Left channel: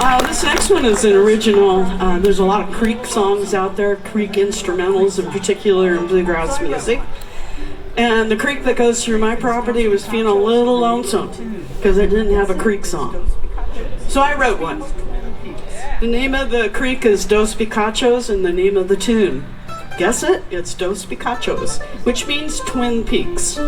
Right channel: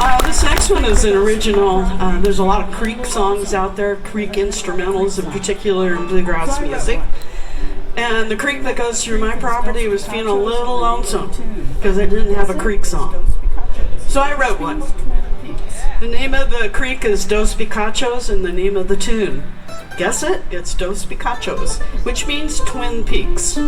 This next one is an original. There's a lot of creek songs out there, creek instrumentals in particular in bluegrass music. And the creek that goes through my property was feeling a little lonesome because it didn't have a creek song. So I wrote one. The name of the creek is Dos Picachos, and the name of the tune, guess it? It's Dos Picachos, which means Twin Peaks.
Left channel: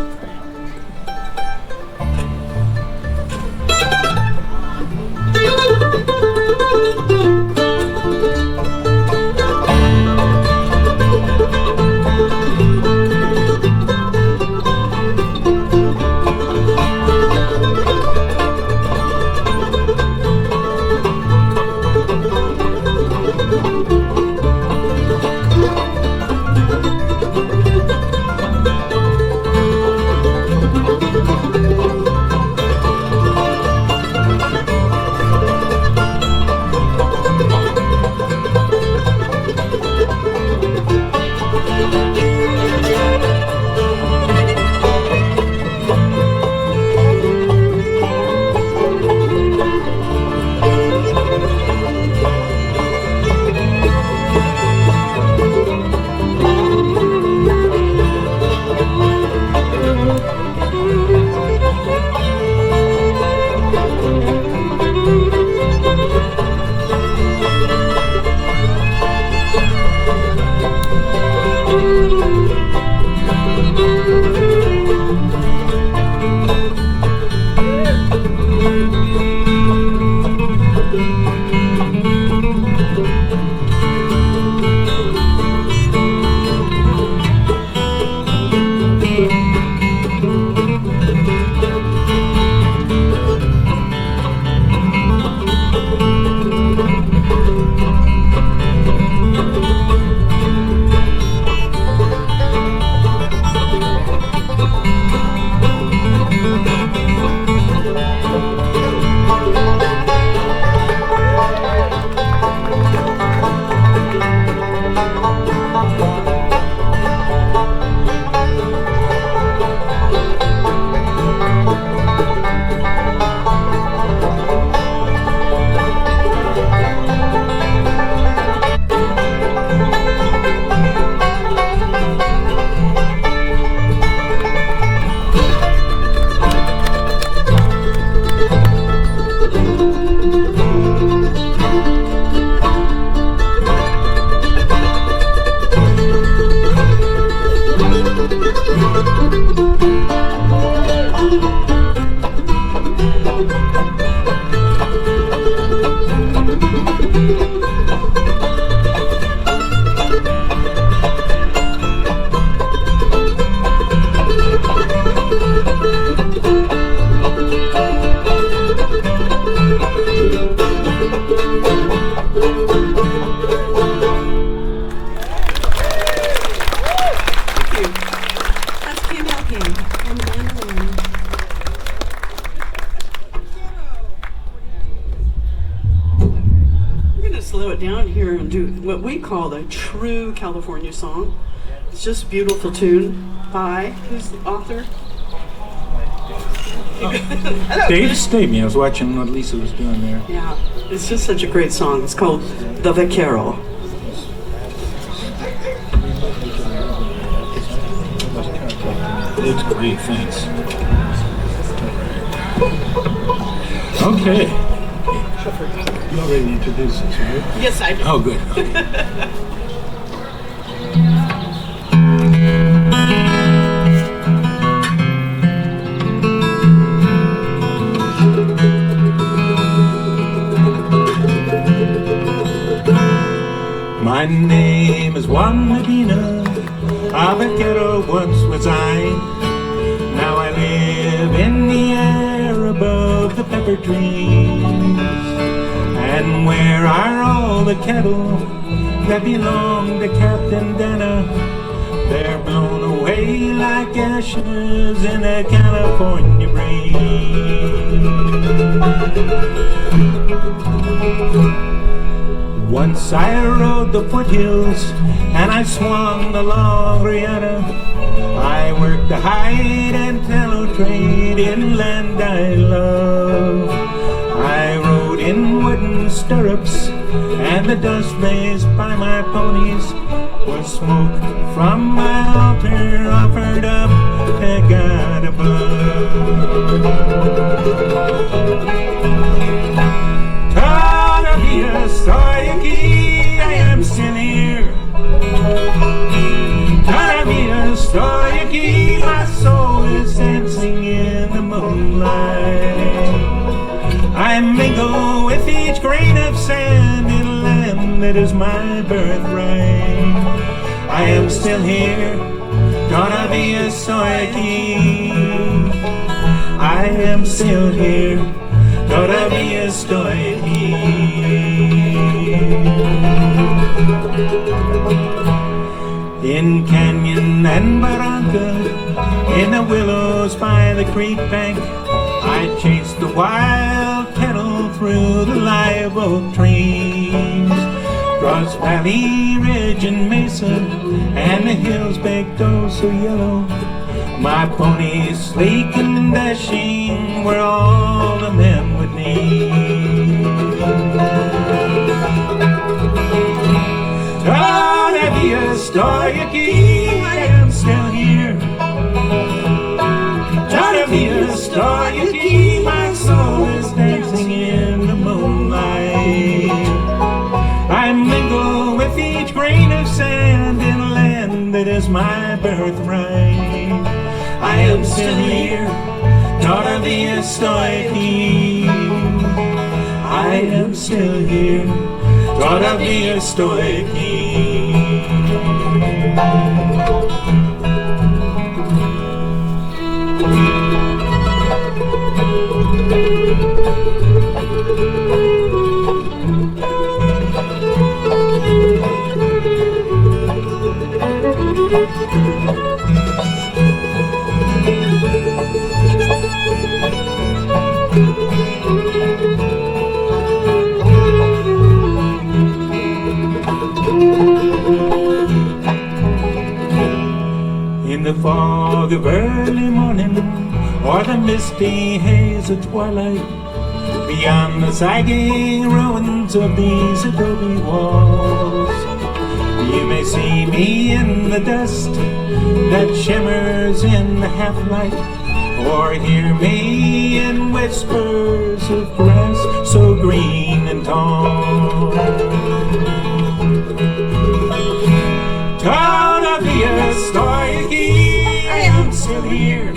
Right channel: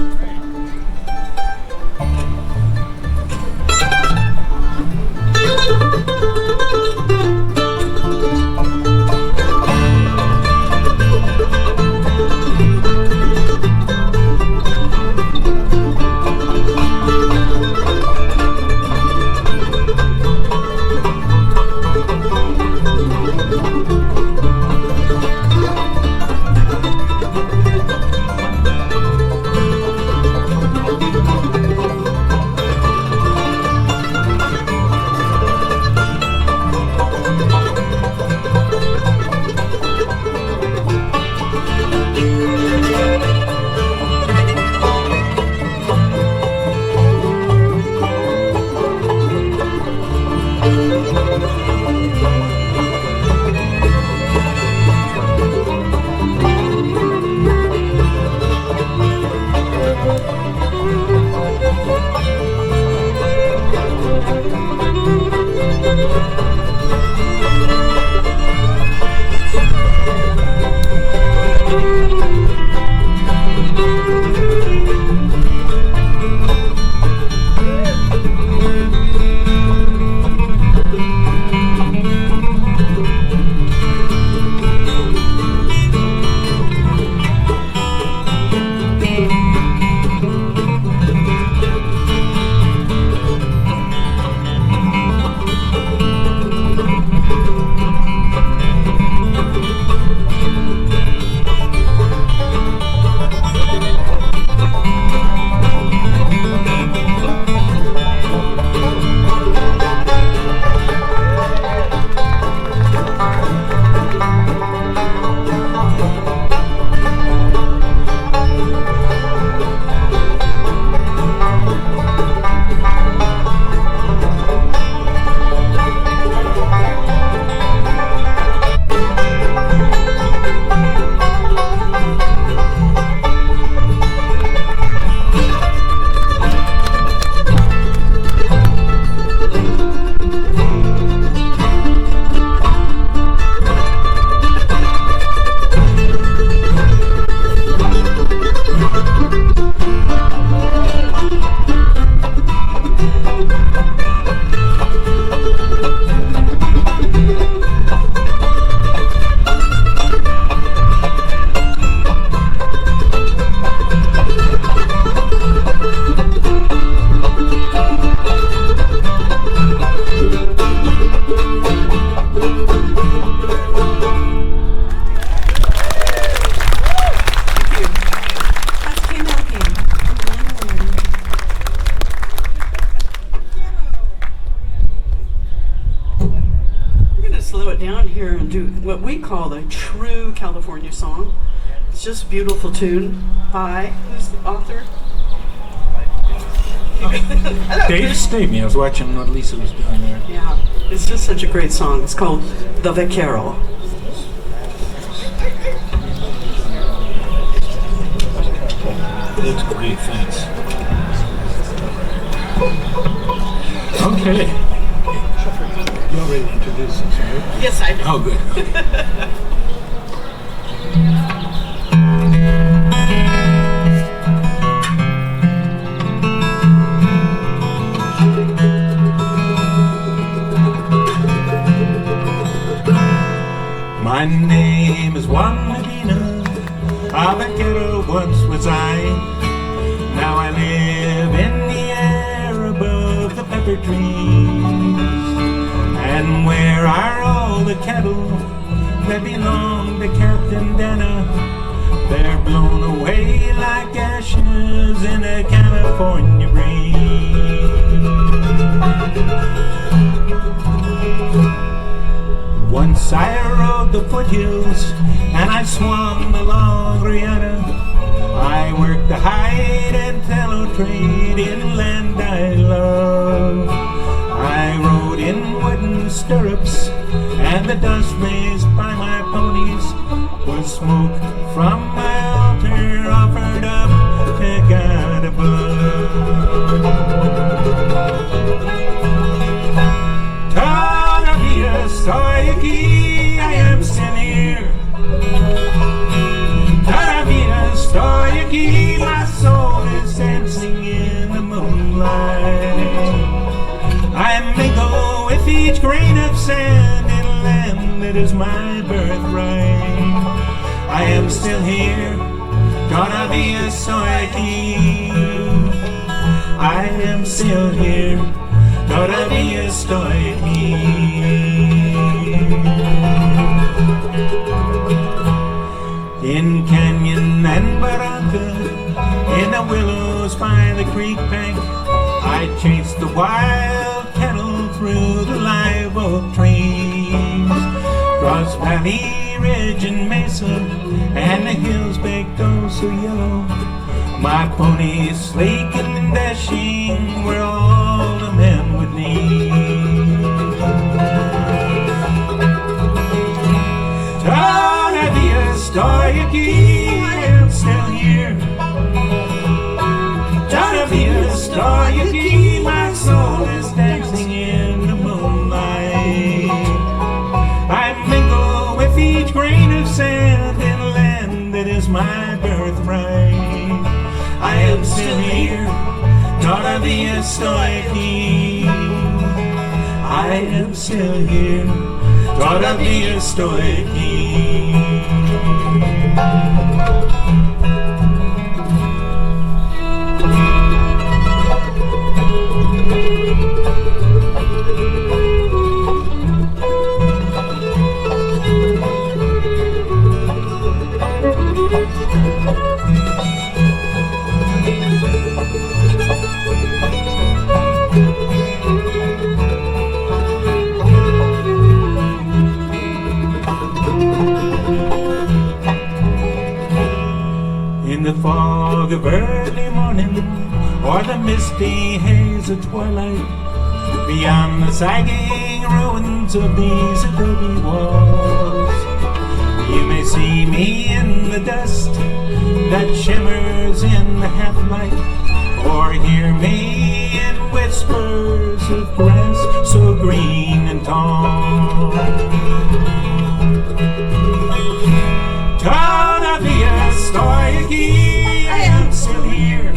What we call a true California song. It's just a beautiful tune by, who's the author? Hello, Dave Stavey. I was watching what Lisa was doing there. Yeah, it's just such a great song. It's called The Vaquero. It's great, thanks. Okay. You already introduced us, right? Yes, I do. Oh, good. My name is Juan Medina. A vaquero once was I. Now I live in the air above the pepper trees. And where are all the cattle that belong to Captain Dana? They're blown away like ashes in a California breeze. Once I rode the foothills and I swung the long riata. I worked the hide and tallow trade in land I love. I rode in wooden stirrups, and the dust raised by my ponies was smoke from my altar offered up to God above. Todavia estoy aquí, I am still here. Todavia estoy aquí, my soul is dancing in the moonlight. I mingle with each grain of sand in a land that is my birthright. I am still here, todavía estoy aquí. I am still here, todavía estoy aquí. In canyon and barranca, in the willows by the creek bank, I chased the wild cattle through the live oak trees, across valley, ridge, and mesa, and the hills baked oh so yellow. My ponies sleek and dashing were all the men would need. Todavía estoy aquí, I am still here. Todavía estoy aquí, my soul is dancing in the moonlight. I mingle with each grain of sand in a land that is my birthright. I am still here, todavía estoy aquí. I am still here, todavía estoy aquí. In the fog of early morning, or the misty haze of twilight, beyond the sagging ruins of these adobe walls, you may see me in the dust that shimmers in the half-light, or hear me in whispers of grass so green and tall. Todavía estoy aquí, I am still here.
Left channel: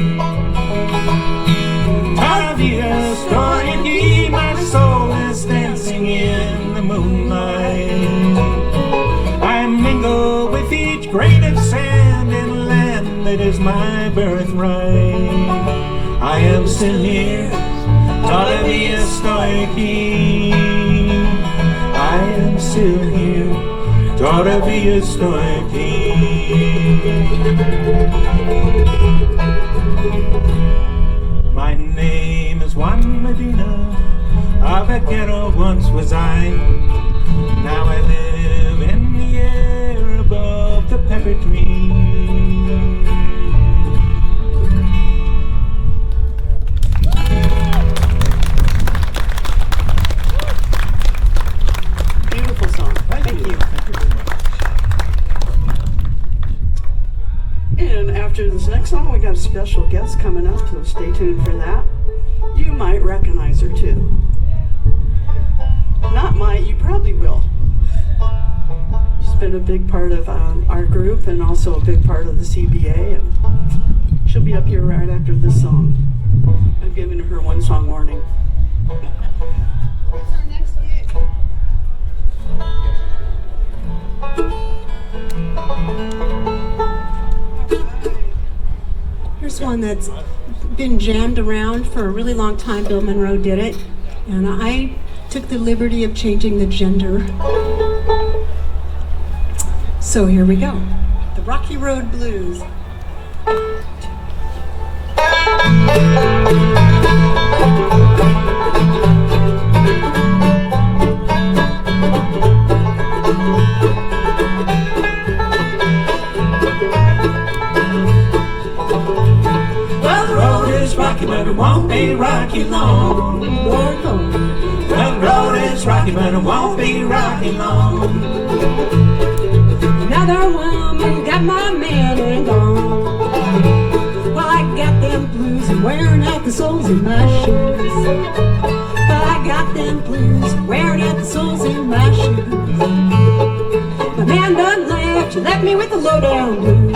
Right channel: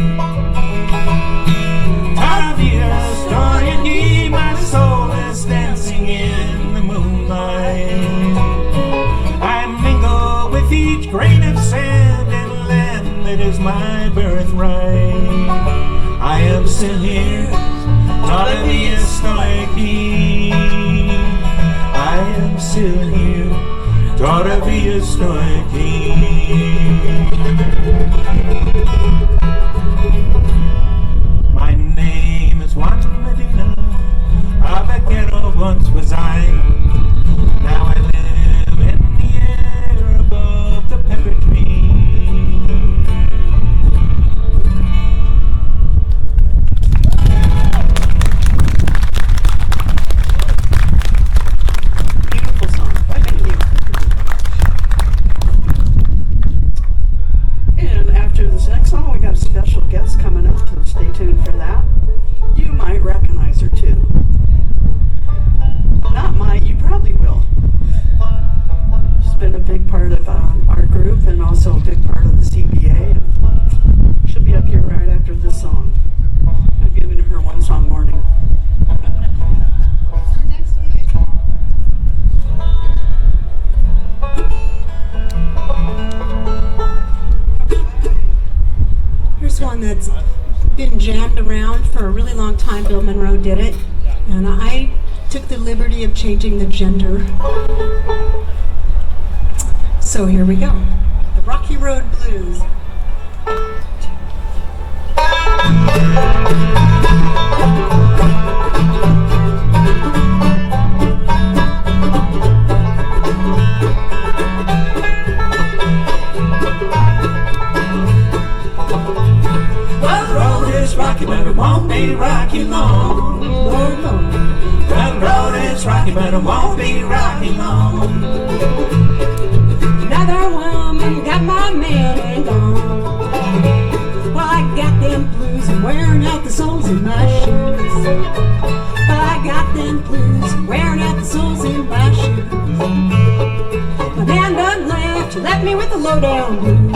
Todavía estoy aquí, my soul is dancing in the moonlight. I mingle with each grain of sand in a land that is my birthright. I am still here, todavía estoy aquí. I am still here, todavía estoy aquí. My name is Juan Medina, a vaquero once was I. Now I live in the air above the pepper tree. Beautiful song. Thank you. And after this next song, we got a special guest coming up, so stay tuned for that. You might recognize her too. Not might, you probably will. She's been a big part of our group and also a big part of the CBA. And she'll be up here right after this song. I've given her one song warning. What's our next gig? Here's one that's been jammed around for a really long time. Bill Monroe did it, and I took the liberty of changing the gender. So here we go. The Rocky Road Blues. Well, the road is rocky, but it won't be rocky long. Lord, Lord. Well, the road is rocky. rocky, but it won't be rocky long. Another woman got my man and gone. Well, I got them blues and wearing out the soles in my shoes. Well, I got them blues and wearing out the soles in my shoes. My man done left, she left me with the lowdown blues.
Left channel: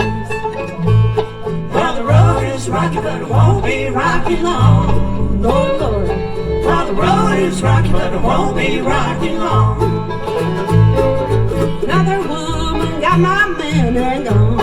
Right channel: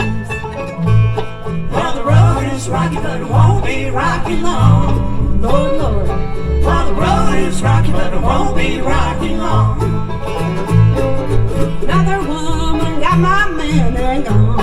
Well, the road is rocky, but it won't be rocky long. Lord, Lord. Well, the road is rocky, but it won't be rocky long. Another woman got my man and gone.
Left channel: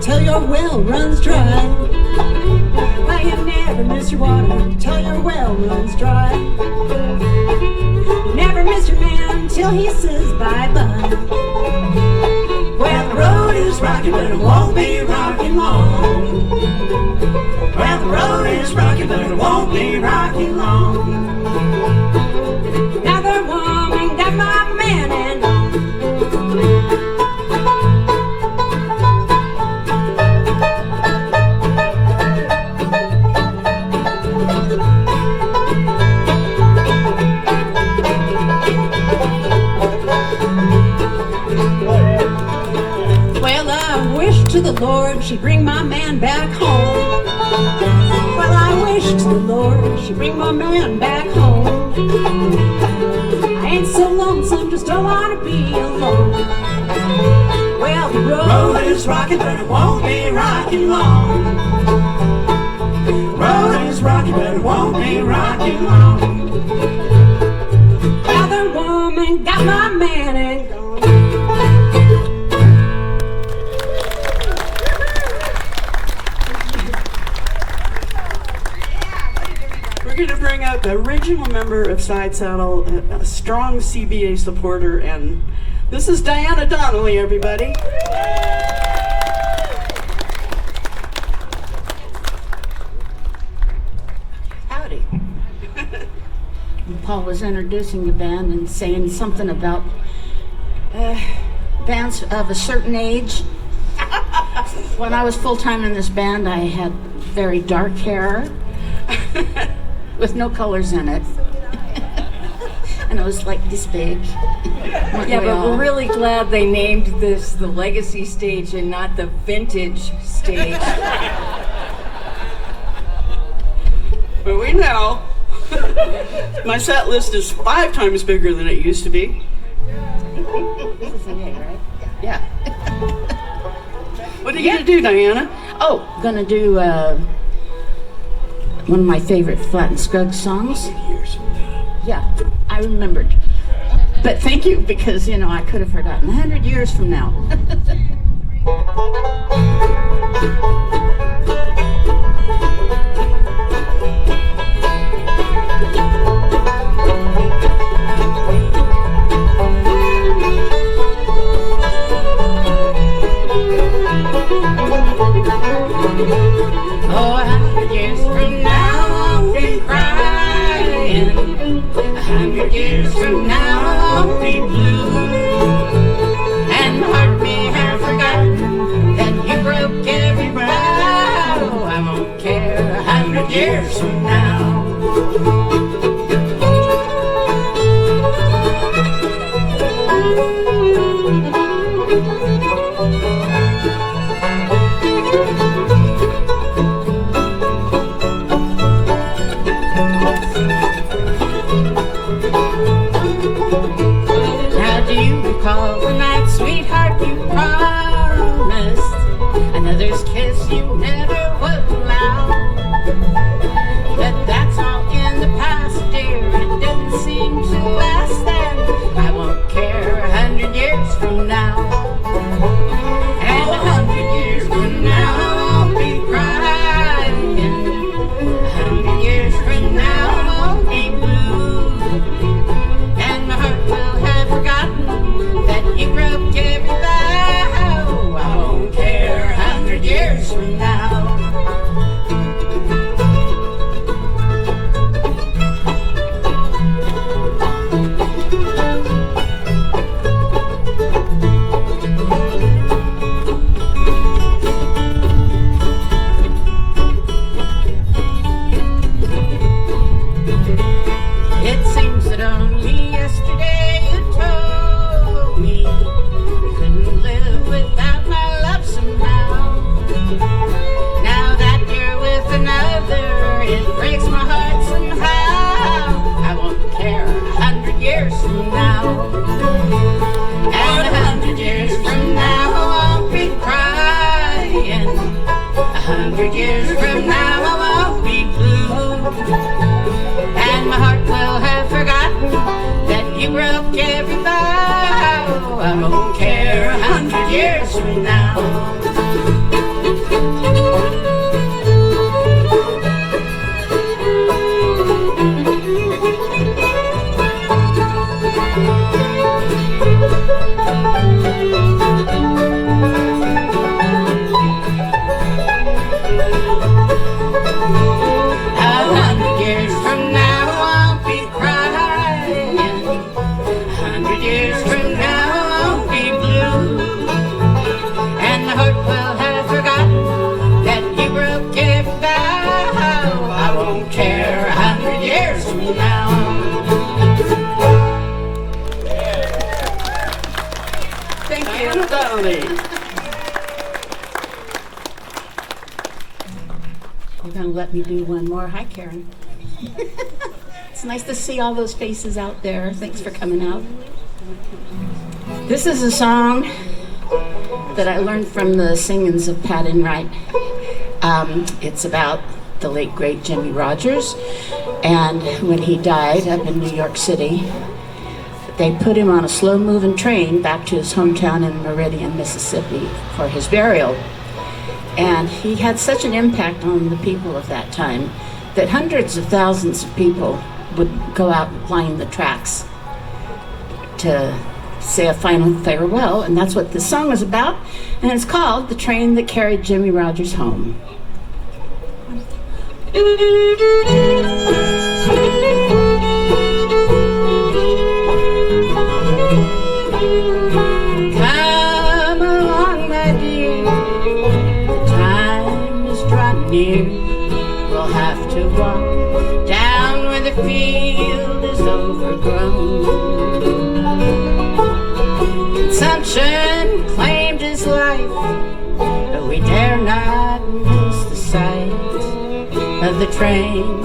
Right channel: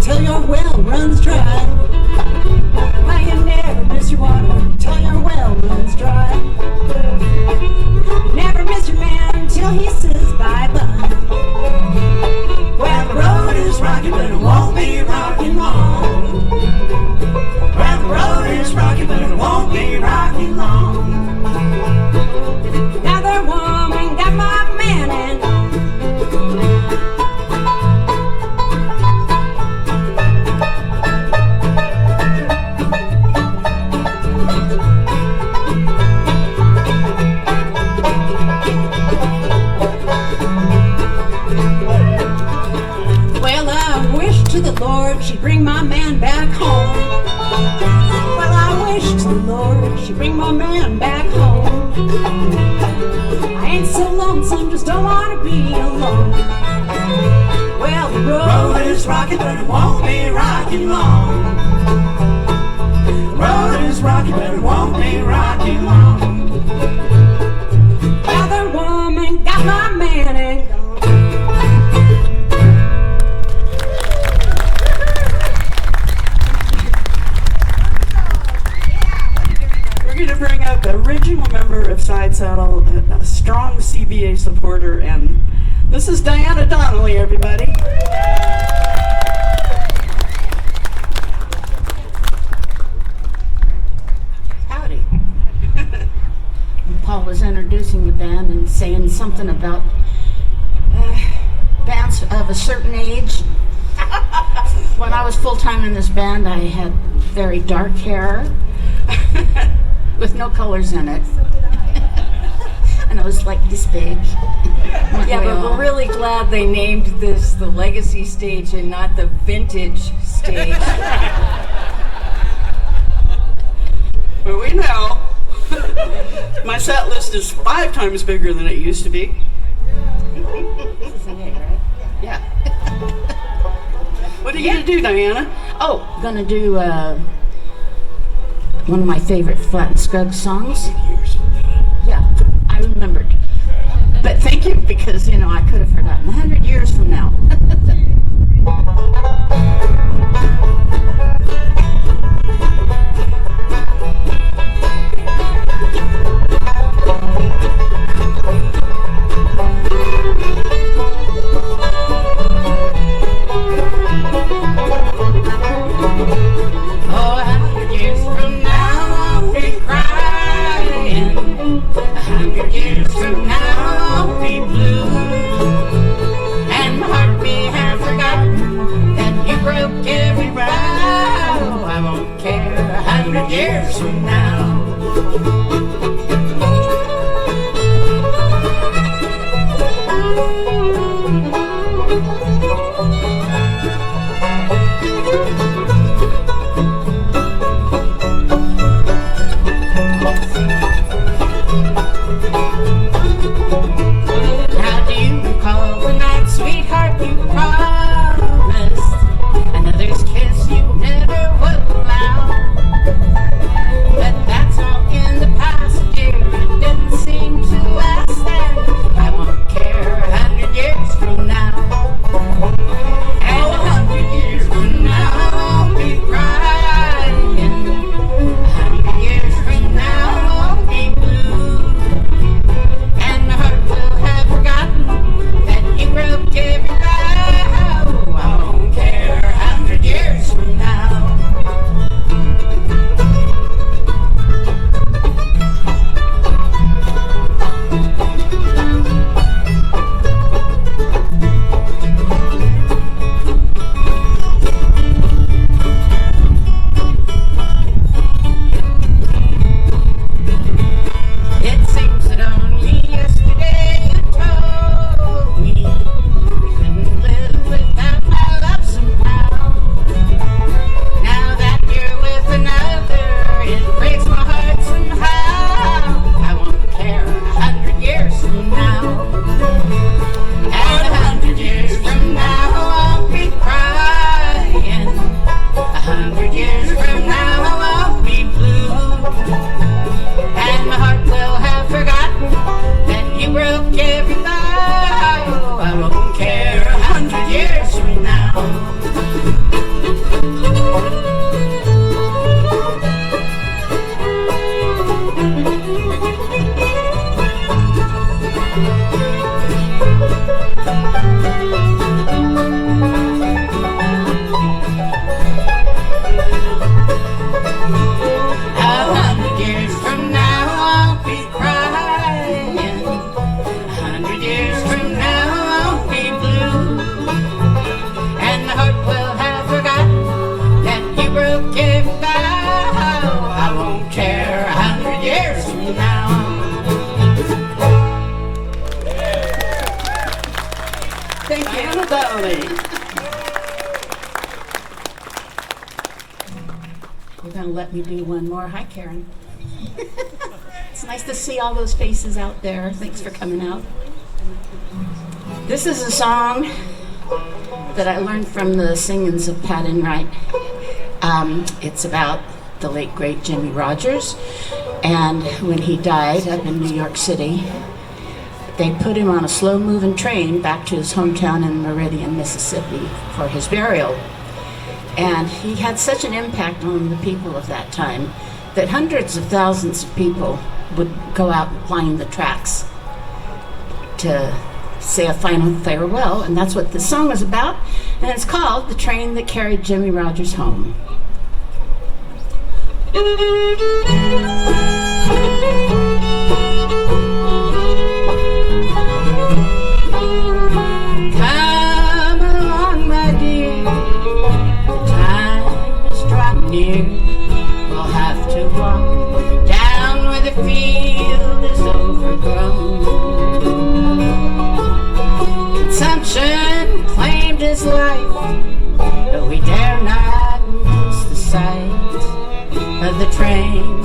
Till your well runs dry. Well, you never miss your water till your well runs dry. You never miss your man until he says bye-bye. Well, the road is rocky, but it won't be rocky long. Well, the road is rocky, but it won't be rocky long. Another woman got my man and to the Lord, she'd bring my man back home. Well, I wish to the Lord she'd bring my man back home. I ain't so lonesome, just don't want to be alone. Well, the road is rocky, but it won't be rocky long. Road is rocky, but it won't be rocky long. Another woman got my man and gone. To bring up the original member of Side Saddle, a strong CBA supporter, and this is Diana Donnelly, everybody. Howdy. Paul was introducing the band and saying something about bands of a certain age. When I was full-time in this band, I had very dark hair with no colors in it. And it was like this big. Yeah, but we're really glad they named this the Legacy Stage and not the Vintage Stage. But we know my set list is 5 times bigger than it used to be. This is an A, right? Yeah. What are you gonna do, Diana? Oh, gonna do one of my favorite Flat and Scruggs songs. Yeah, I remembered. But thank you, because, you know, I could have forgotten 100 years from now. Oh, 100 years from now I'll be crying. 100 years from now I'll be blue. And my heart may have forgotten that you broke every vow. I won't care 100 years from now. Now do you recall the night, sweetheart, you promised another's kiss you never would allow? But that's all in the past, dear. It didn't seem to last that. I won't care 100 years from now. And 100 years from now I'll be crying. 100 years from now I'll be blue. around. Thank you, Donnelly. You're going to let me do one more. Hi, Karen. It's nice to see all those faces out there. Thanks for coming out. This is a song that I learned from the singings of Pat and Wright. It's about the late, great Jimmy Rogers. And when he died up in New York City, they put him on a slow-moving train back to his hometown in Meridian, Mississippi for his burial. And he had such an impact on the people of that time that hundreds of thousands of people would go out and line the tracks to say a final farewell, and that's what this song is about, and it's called The Train That Carried Jimmy Rogers Home. Come along, my dear, the time is drawing near. We'll have to walk down where the field is overgrown. Consumption claimed his life, but we dare not miss the sight of the train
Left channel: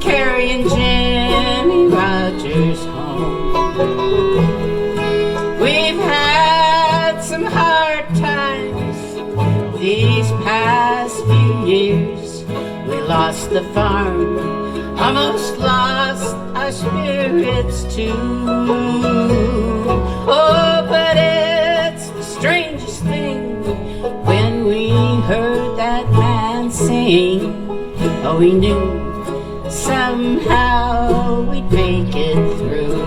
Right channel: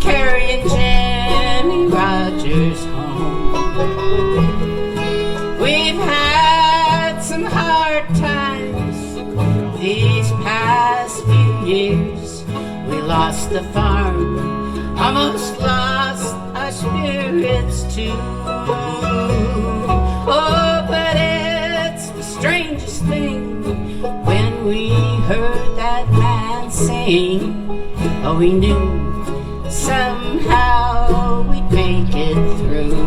carrying Jimmy Rogers home. We've had some hard times these past few years. We lost the farm, almost lost our spirits too. Oh, but it's the strangest thing when we heard that man sing. Oh, we knew somehow we'd make it through.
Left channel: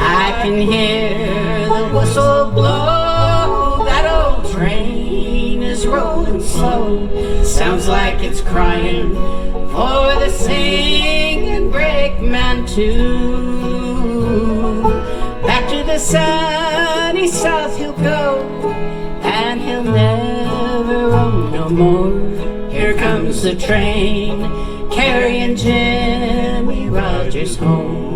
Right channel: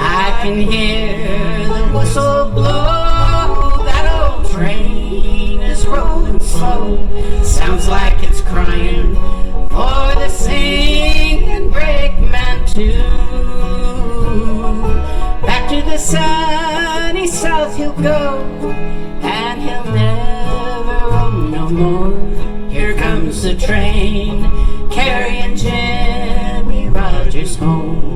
I can hear the whistle blow. That old train is rolling slow. Sounds like it's crying for the singing brakeman too. Back to the sunny south he'll go, and he'll never roam no more. Here comes the train carrying Jimmy Rogers home.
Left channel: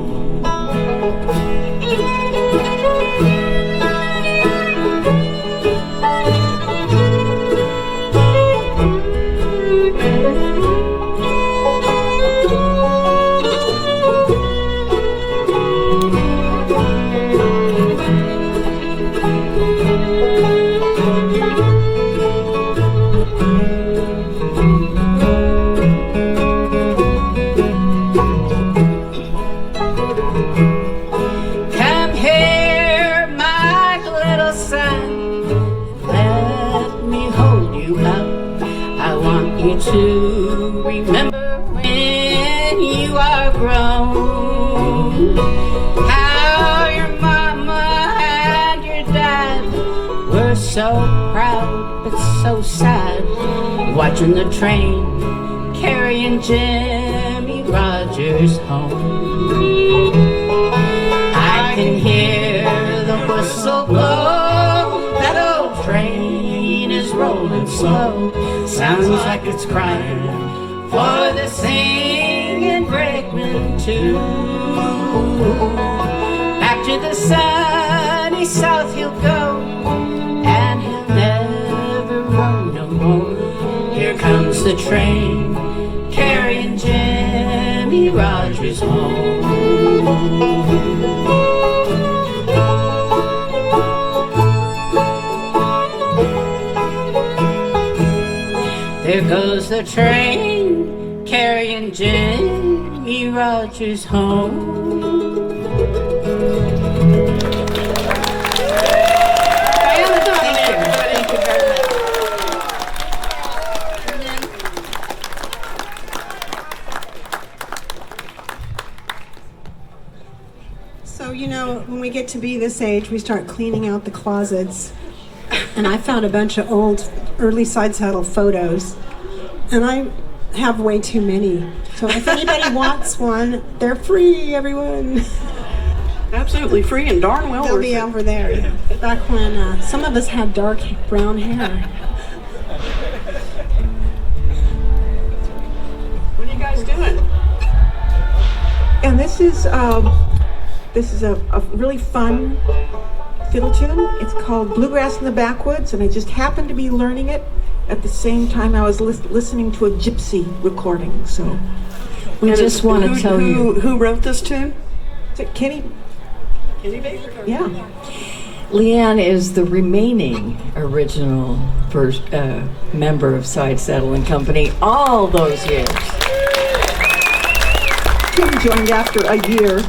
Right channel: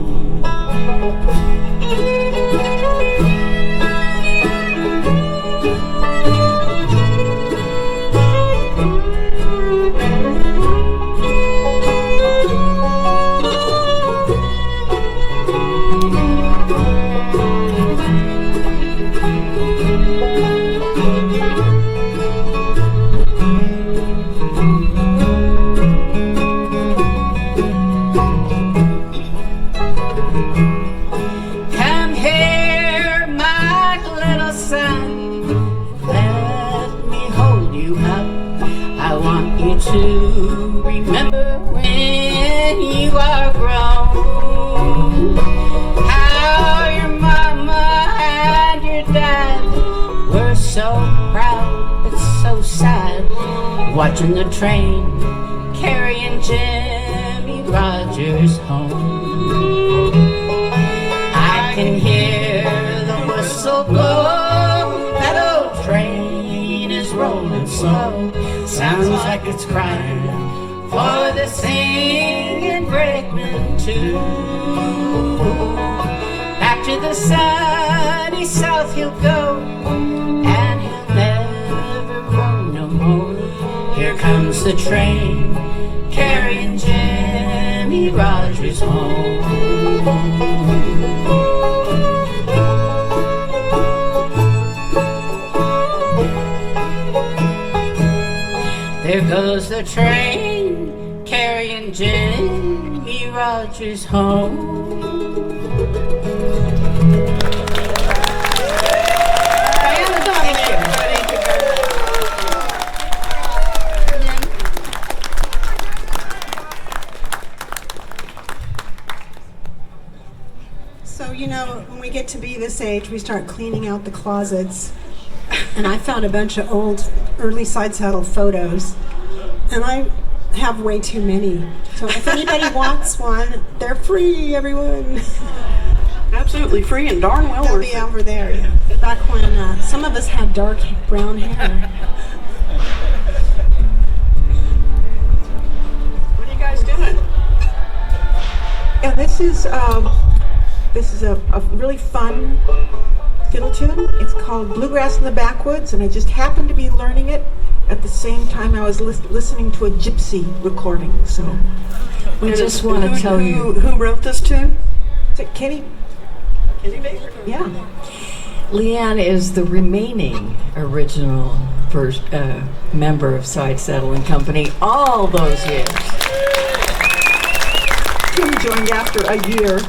To remember when you are grown, how your mama and your dad were so proud but so sad, watching the train carrying Jimmy Rogers home. I can hear the whistle blow. That old train is rolling slow. Sounds like it's crying for the singing brakeman too. Back to the sunny south he'll go, and he'll never roam no more. Here comes the train carrying Jimmy Rogers home. There goes the train carrying Jimmy Rogers home. So, you know, when we get to be this age, we start cleaning out the closets. And I found a bunch of old early side saddle photos, and I have way too many. So if anybody wants one, they're free, everyone. Absolutely free and darn well They'll worth be it. over there. Back when some of us had dark brown hair. What are you guys doing? And this is a really fun fiddle tune. It's called Bluegrass in the Backwoods, and I just happened to be learning it at the same time I was listening to a gypsy recording. So We just want to tell you. Who wrote this tune? is it Kenny? Kenny Baker. Yeah. Leanne is the remaining original first member of Side Saddle and Company all those years. Kim joined after a year.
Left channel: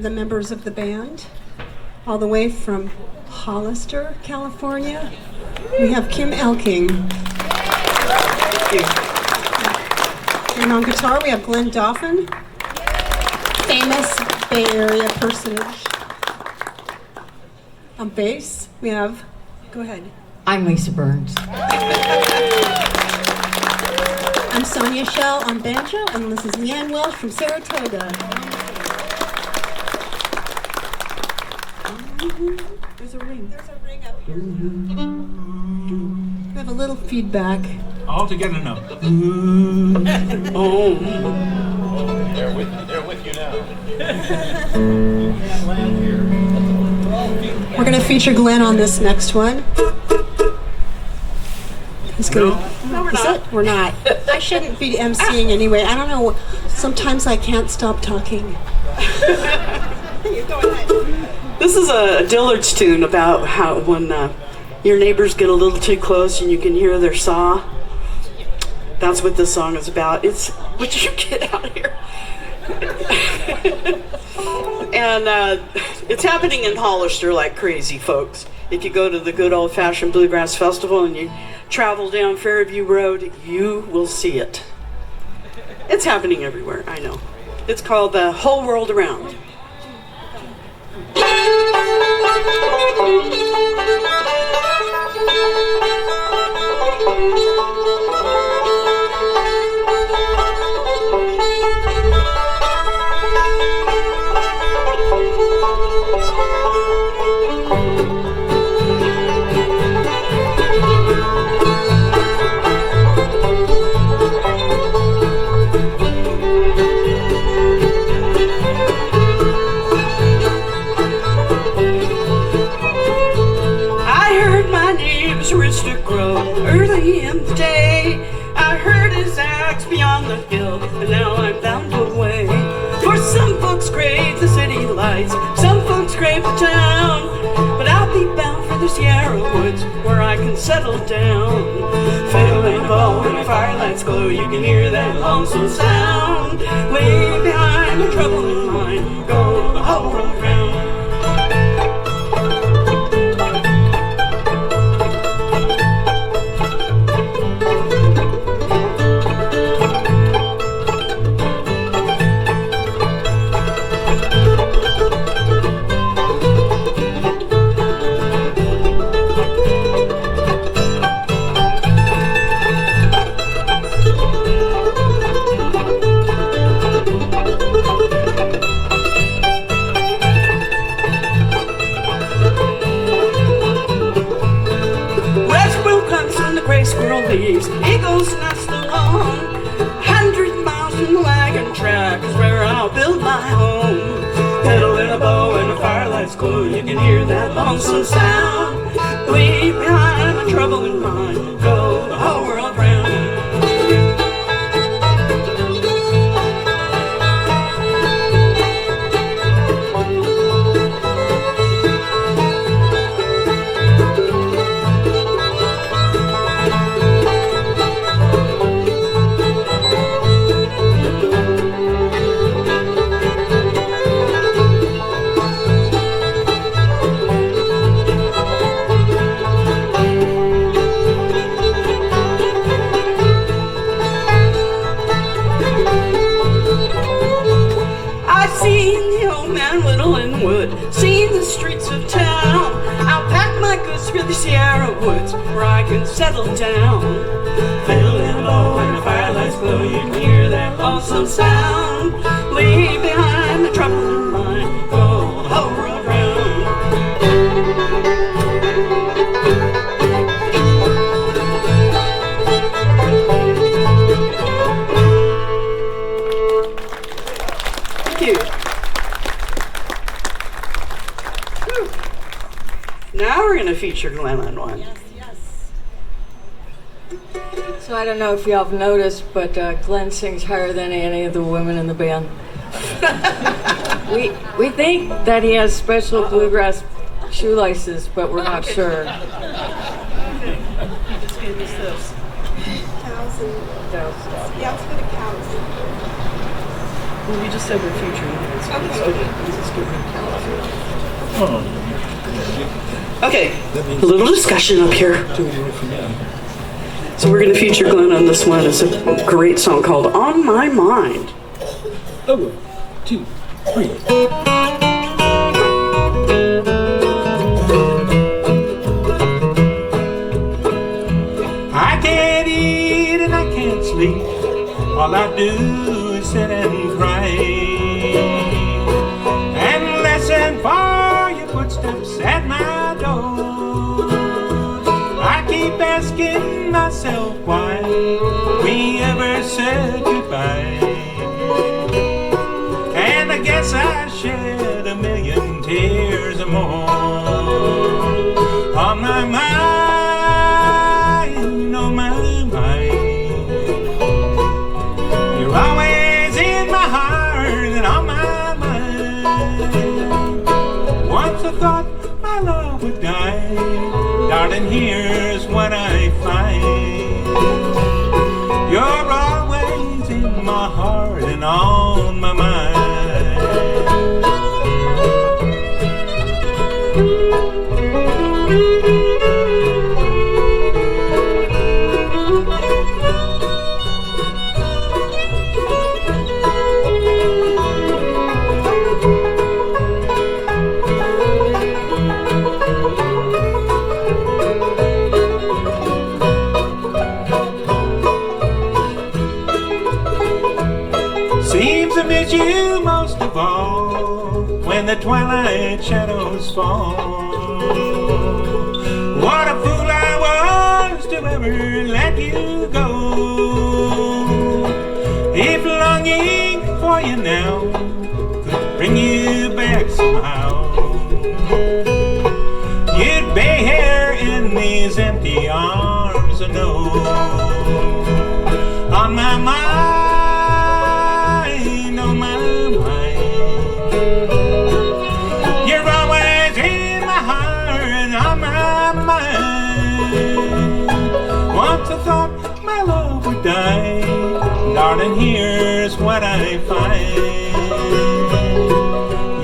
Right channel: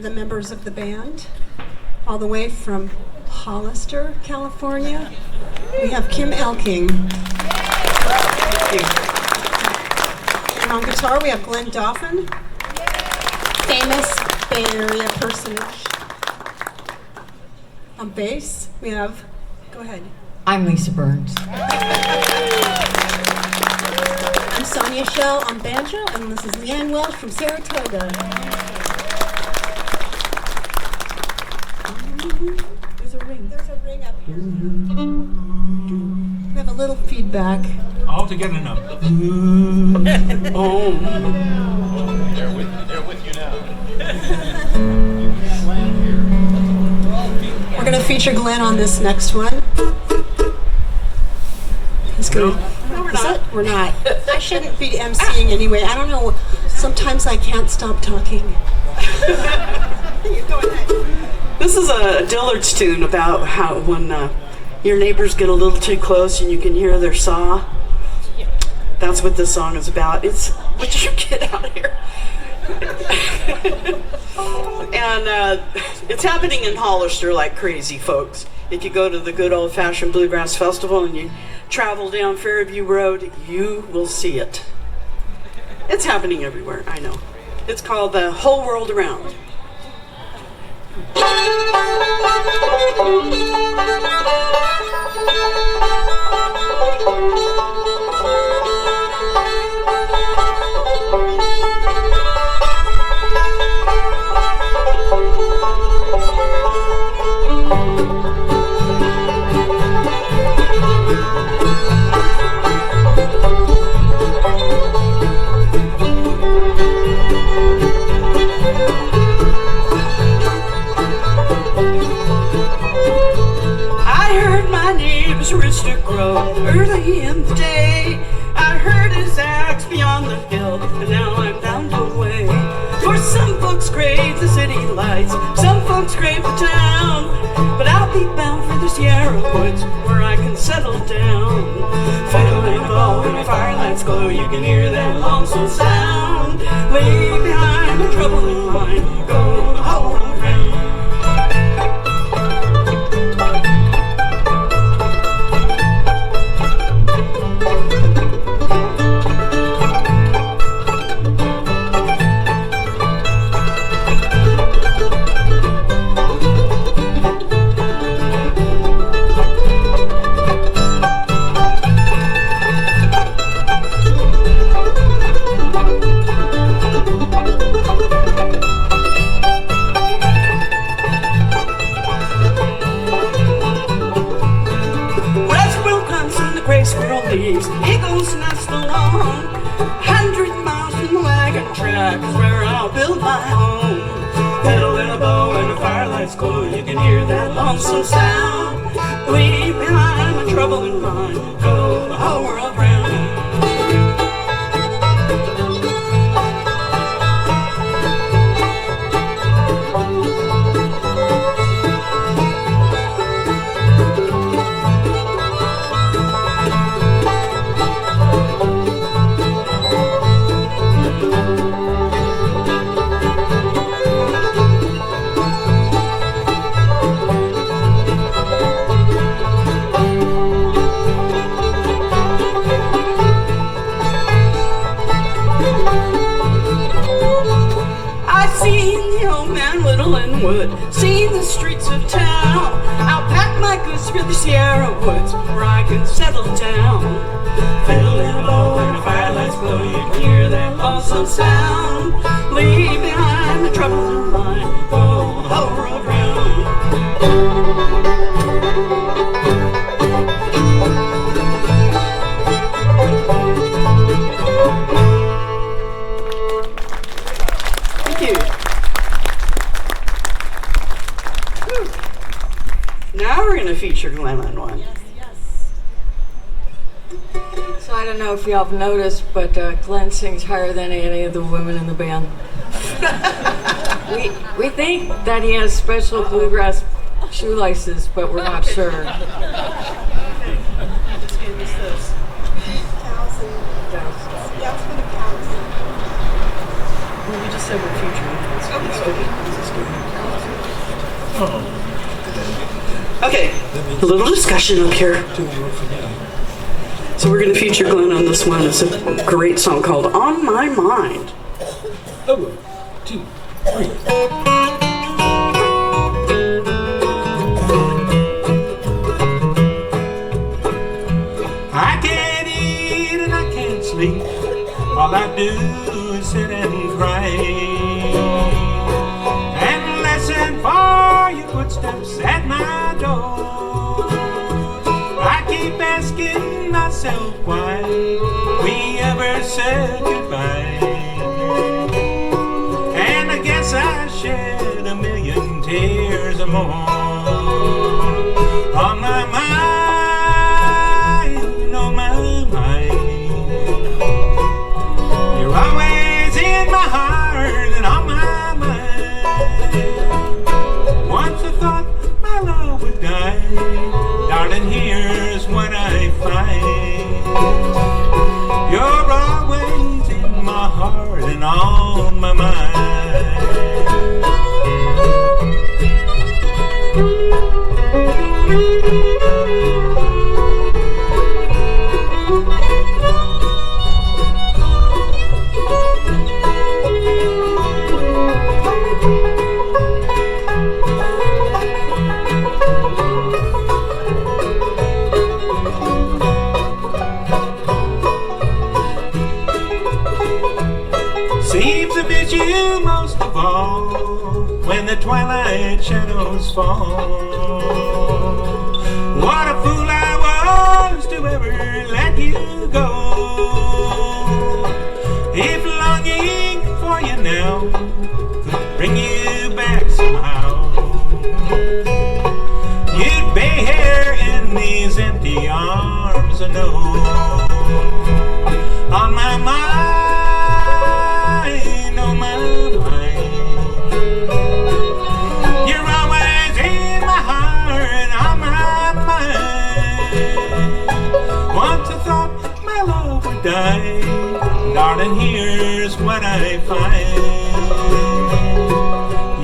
The members of the band, all the way from Hollister, California. We have Kim Ellking. And on guitar, we have Glenn Dauphin, famous Bay Area personage. On bass, we have, go ahead. I'm Lisa Burns. I'm Sonia Shell on banjo, and this is Leanne Welsh from Saratoga. There's a ring. There's a ring up here. We have a little feedback. All together now. Oh. They're with you now. We're going to feature Glenn on this next one. It's good. No, we're not. We're not. I shouldn't be emceeing anyway. I don't know. Sometimes I can't stop talking. You go ahead. This is a Dillard's tune about how when your neighbors get a little too close and you can hear their saw. That's what this song is about. It's, would you get out of here? And it's happening in Hollister like crazy, folks. If you go to the good old-fashioned Bluegrass Festival and you travel down Fairview Road, you will see it. It's happening everywhere, I know. It's called The Whole World Around. his wrist to grow. Early in the day, I heard his axe beyond the hill, and now I'm bound away. For some folks crave the city lights, some folks crave the town, but I'll be bound for the Sierra woods where I can settle down. Fiddle and a bow when the firelights glow, you can hear that lonesome sound. Leave behind the trouble in mind, go the whole world round. Leaves, eagles nest along 100 miles from the wagon track is where I'll build my home. Fiddle and a bow and the firelight's glow, you can hear that lonesome sound. Leave behind my trouble and mind, go the whole world round. Seen the streets of town. I'll pack my goods for the Sierra woods where I can settle down. Fiddle and a bow and the firelights glow, you can hear that awesome sound. Leave behind the trouble in mind, go the whole world round. Thank you. Now we're going to feature Glenn on one. So I don't know if y'all have noticed, but Glenn sings higher than any of the women in the band. we think that he has special bluegrass shoelaces, but we're not sure. Just give us this. Yeah, it's for the cows. Well, you just said we're featuring. Okay, a little discussion up here. So we're going to feature Glenn on this one. It's a great song called On My Mind. 1, 2, 3. I can't eat and I can't sleep. All I do is sit and cry and listen for your footsteps at my door. I keep asking myself why we ever said goodbye, and I guess I shed a million tears or more. On my mind, on my mind, you're always in my heart and on my mind. Once I thought my love would die, darling, here's what I find. You're always in my heart and on my mind. Seems I miss you most of all when the twilight shadows fall. What a fool I was to ever let you go. If longing for you now could bring you back somehow, you'd be here in these empty arms of no. On my mind, on my mind, you're always in my heart, on my mind. Once I thought my love would die, darling, here's what I find.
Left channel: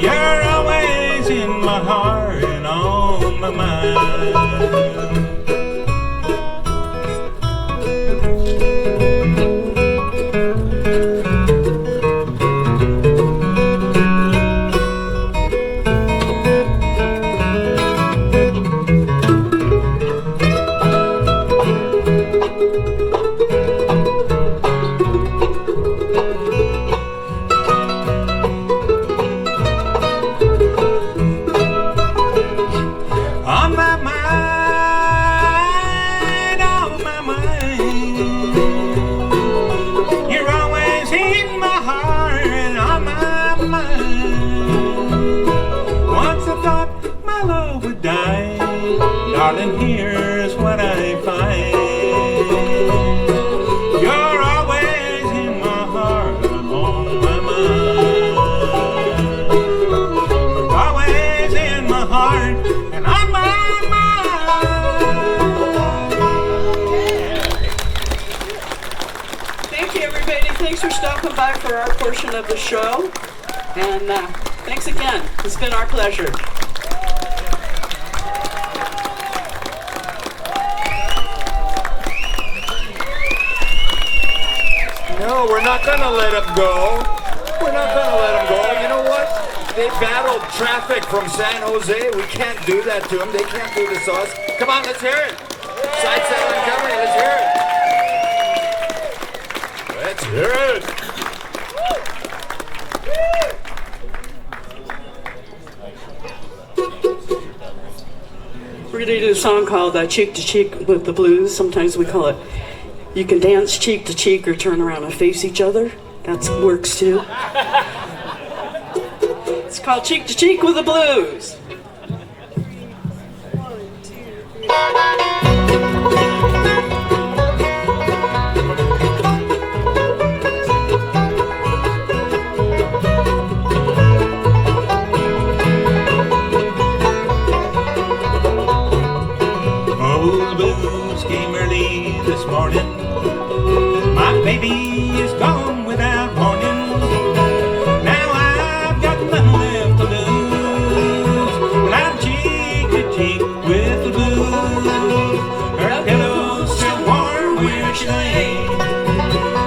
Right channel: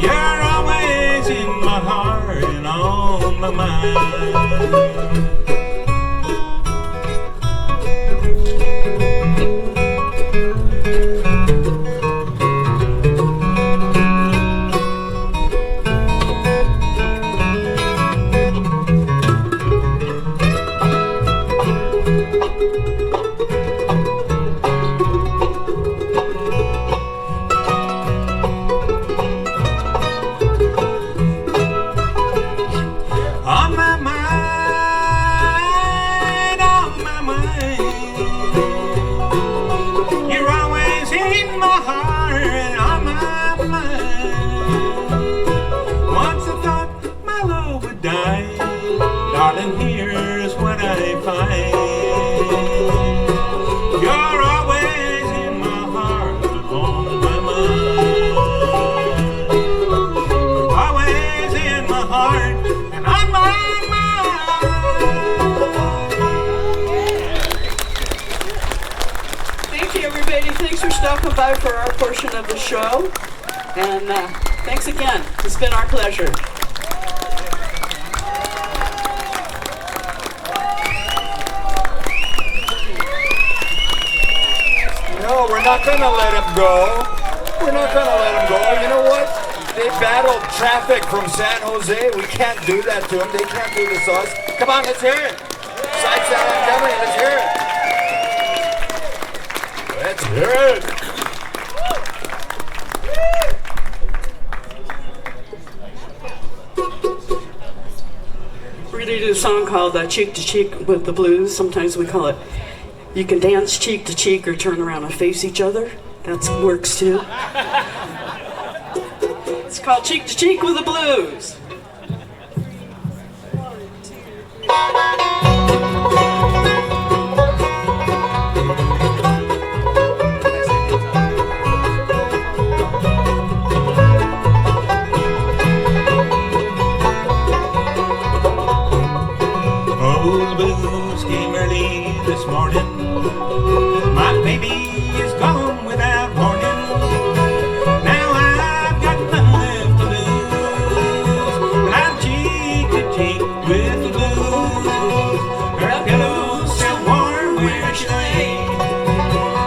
You're always in my heart and on my mind. Darling, here's what I find. You're always in my heart and on my mind. Always in my heart and on my mind. Thank you, everybody. Thanks for stopping by for our portion of the show. And thanks again. It's been our pleasure. No, we're not gonna let them go. We're not gonna let them go. You know what? They battled traffic from San Jose. We can't do that to them. They can't do this to us. Come on, let's hear it. Side Saddle Company, let's hear it. Let's hear it. We're going to do a song called Cheek to Cheek with the Blues. Sometimes we call it You Can Dance Cheek to Cheek or Turn Around and Face Each Other. That works too. It's called Cheek to Cheek with the Blues. Oh, the blues came early this morning. My baby is gone without warning. Now I've got nothing left to lose, but I'm cheek to cheek with the blues. Her pillow's still warm where she lay.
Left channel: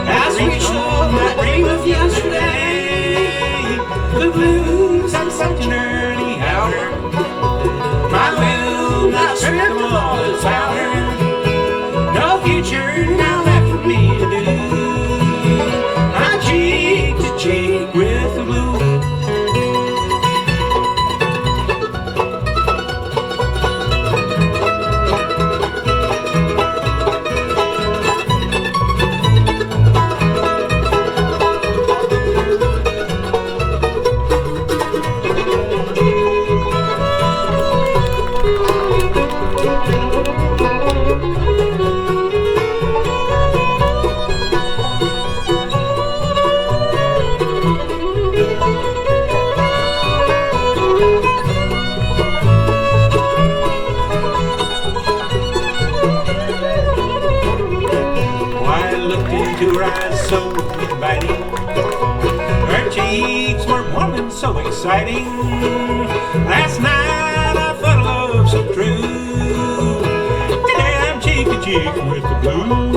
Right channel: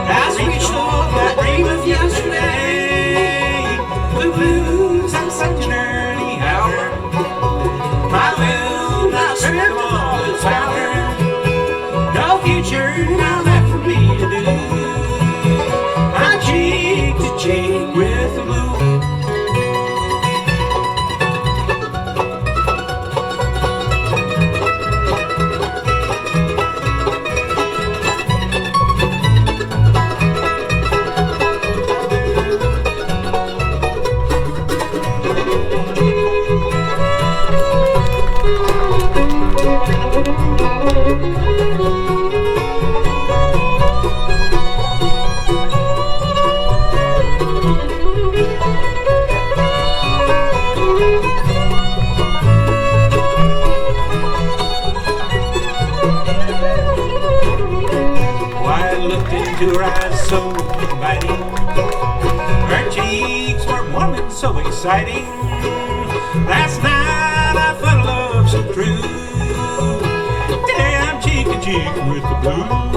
As we showed that dream of yesterday, the blues on such an early hour. My will not strip of all its power. No future now left for me to do. I'm cheek to cheek with the blue. Why, I looked into her eyes so inviting. Her cheeks were warm and so exciting. Last night I felt love so true. Today I'm cheek to cheek with the blues.